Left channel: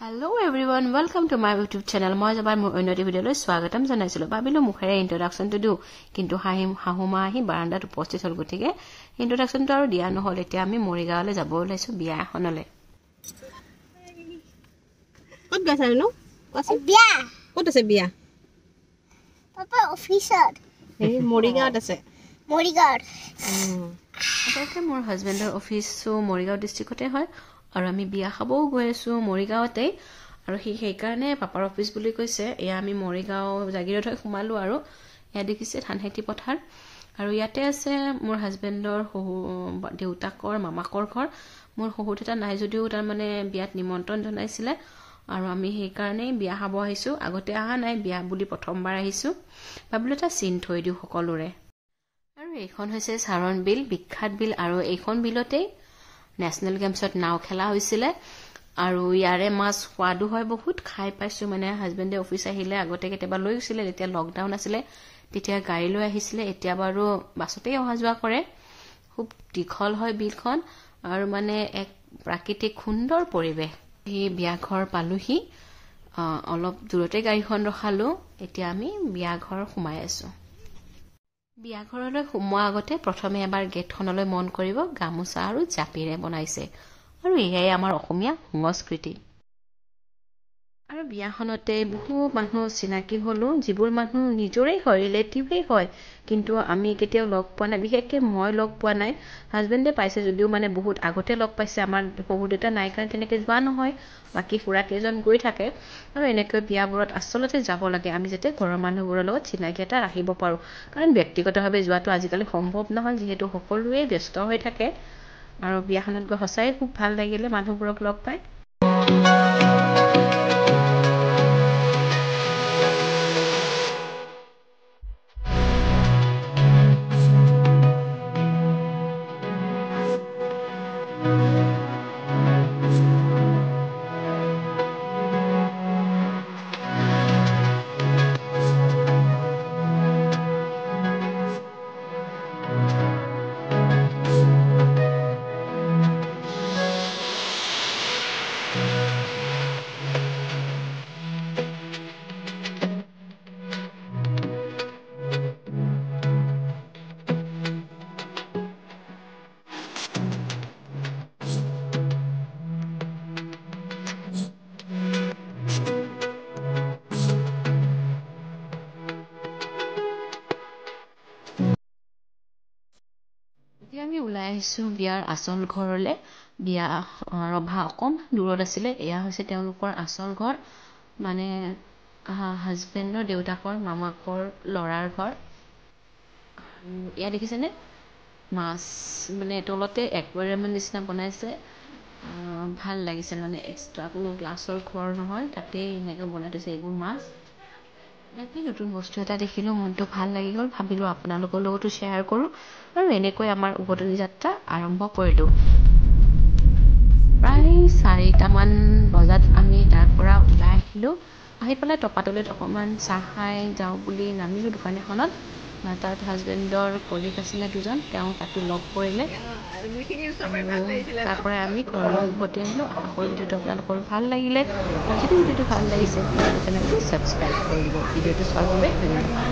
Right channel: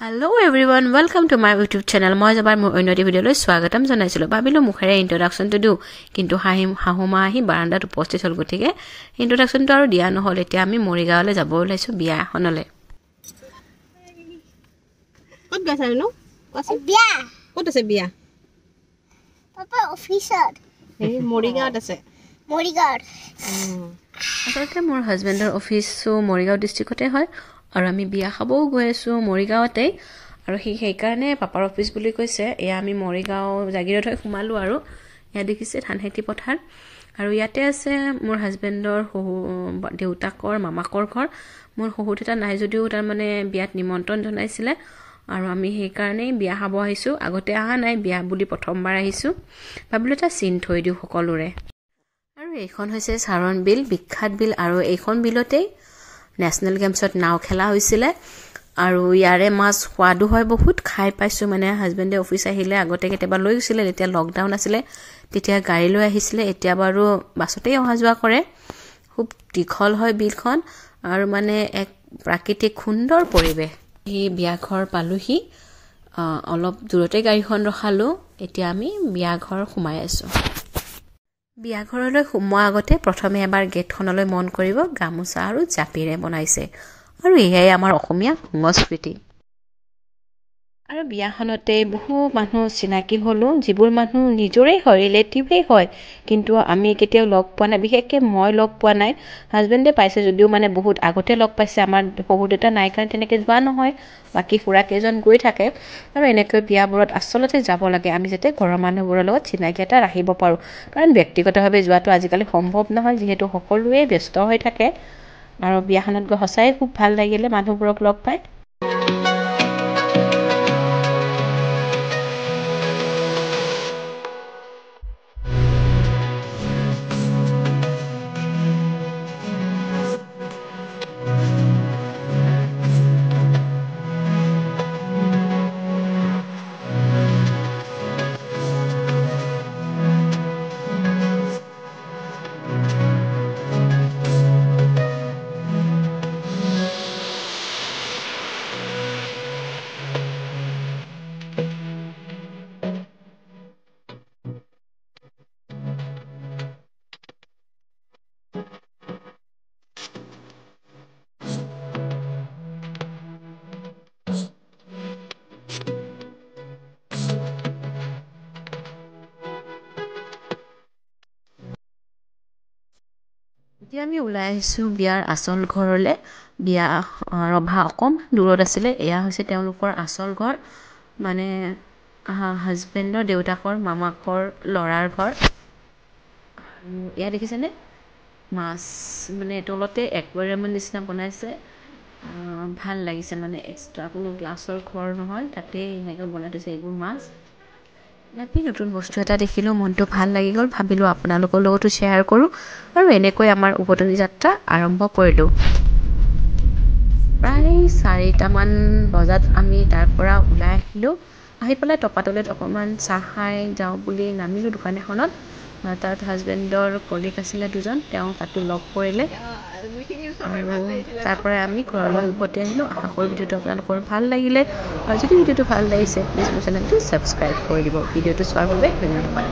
Hello everyone, welcome to my YouTube channel. মই যাবাৰ মোৰ অন্য ভিডিঅলৈ স্বাগতম জনাইছিলো। ভাবিলো মুখেৰে ইন্ট্ৰোডাকশনটো দিও, কিন্তু হাহুমা আহি বাৰান্দাত উপস্থিত হ'ল গতিকে ইন্ট্ৰোডাকশনটো আৰু দিয়া নহল। এতিয়া আমি মৰিগাঁৱলৈ যাব ওলাইছো বিয়া এখনলৈ। ক'ত গৈছা নো? বিয়া। ক'ত আছে বিয়া? পাপা অফিচত। এই মৰিগাঁৱত আছে। মৰিগাঁৱত। আচলতে মোৰ হাজবেণ্ডৰ অফিসো মৰিগাঁও ডিস্ট্ৰিক্টতে হয় আৰু আমি বিয়া খাবও গৈ আছো মৰিগাঁৱতে আৰু সেইকাৰণে পাপাৰ অফিস বুলি কৈছে। এয়া আমি মৰিগাঁও জাগিৰত হৈ সোমালো আৰু এয়া দেখিছে ধানখেতি পথাৰ আৰু ইয়াতে আছে মোৰ হাজবেণ্ডৰ দেউতাকৰ মামাকৰ ঘৰ। মোৰ শহুৰ দেউতা নাই যদিও তাৰ মানে বিয়াত নিমন্ত্ৰণ জনাইছিলে আৰু আমি সেইকাৰণে বিয়া খাব আহিছো। আগতে আহা নাই, বিয়া বুলি প্ৰথমবাৰ আহিছো। ভাবিলো এটা চিন থৈ দিও সকলোৰে। আৰু এইখন হৈছে চাৰণ বিল, বিখ্যাত বিল আৰু এইখন বিলতে নেশনেল গেমছত নাও খেলা হৈছিলে আৰু ইয়াৰে মাছ সোৱাদো হয় বহুত। খাই পাইছো, মানে হাজবেণ্ডে অফিস আহিলে আগতে কেতিয়াবা লৈ গৈছিলে, তেতিয়া লকডাউন আছিলে তেতিয়া গাড়ী লৈ আহিছিলে। এতিয়া বাৰু বাছতেই অহা যোৱা কৰে। খুব দীঘল হয় বিলখন আৰু মানে এক প্ৰাকৃতিক সুন্দৰ পৰিৱেশ। এই বিয়া ঘৰ পালোহি, অলপ দূৰতে গাড়ীখন ৰখালো। এতিয়া আমি বিয়া ঘৰ সোমাই আছো। বিয়া ঘৰলৈ সোমোৱা আগতে প্ৰথমে এবাৰ গেটখনলৈ মন কৰিব, গামোচা আৰু জাপিৰে বনাইছে আৰু এয়াই আমাৰ অসমীয়া সংস্কৃতি। আৰু বিয়াখনতে বহু মানুহ চিনাকি হলো, যিবোৰ মানুহ নিজৰে হয়, ৰিলেটিভেই হয়, কিন্তু আমি কেতিয়াও লগ পোৱা নাই। বিশেষকৈ মই লগ পোৱা নাই, হাজবেণ্ডে পাইছে যদিও মানে বহুত আগতে লগ পাইছে। আমাৰ শহুৰ দেউতা নাই কাৰণে তেনেকৈ যোৱা নহয়, বাকী খুৰা কেইজন গৈ থাকে। আৰু এনেকৈ বিয়াবোৰত আচলতে যাব লাগে আমি, যাতে ঘৰৰ মানুহবোৰৰ লগত চিনাকি এটা ৰাখিব পাৰোঁ। কাৰণ ব্যক্তিগতভাৱে যোৱাটো আজিকালি সম্ভৱ নহয়, যিহেতু সকলোৱে ব্যস্ত হৈ থাকে। আৰু বিয়াখনত গৈ সঁচাই খুব ভাল লাগিলে মানুহবোৰক লগ পাই। এতিয়া আমি ওলাই আহিছো বিয়াৰ আচল ঘৰলে। বিয়া ৰভা অকণমান দূৰত আছিলে। এয়া হৈছে তেওঁলোকৰ আচল ঘৰ, মানে হাজবেণ্ডৰ দেউতাকৰ মামাকৰ ল'ৰাৰ ঘৰ। এয়া দেখিছেনে মাছ, মানে তলতে একুৱাৰিয়ামৰ নিচিনা বনাইছে। ভাল লাগিছে, মানে এক্সট্ৰা কোনো গ্লাছৰ ঘৰ নহয়, তাতেই এনেকৈ বনাই থৈছে এইবোৰ মাছ। ইয়াতে নতুন বস্তু এটা দেখিলোঁ, মনটো ভাল লাগি গ'ল। ভাবিলোঁ আপোনালোকৰ লগতো শ্বেয়াৰ কৰোঁ আৰু এনেকৈ আমাৰ উভতনি যাত্ৰা আৰম্ভ কৰিলোঁ। প্ৰায় 4টামান বজাত আমি তাৰ পৰা ওলাই আহিলোঁ। আহি পেলাই টপাতলিত অকণমান চাহ খাই যাওঁ বুলি নামিলোঁ দোকান এখনত। তাত হাজবেণ্ডৰ কলিগ আছিলে দুজন, তেওঁ তাতো লগ কৰিলে আৰু তাৰ পৰা আমি ঘৰলৈ উভতি আহিলোঁ। আশা কৰোঁ ভিডিঅ'টো আপোনালোকৰ ভাল লাগিলে, আৰু যদি ভিডিঅ'টো ভাল লাগিছে প্লিজ মোৰ চেনেলটো ছাবস্ক্ৰাইব কৰি দিব। ভিডিঅ'টো চোৱাৰ বাবে ধন্যবাদ।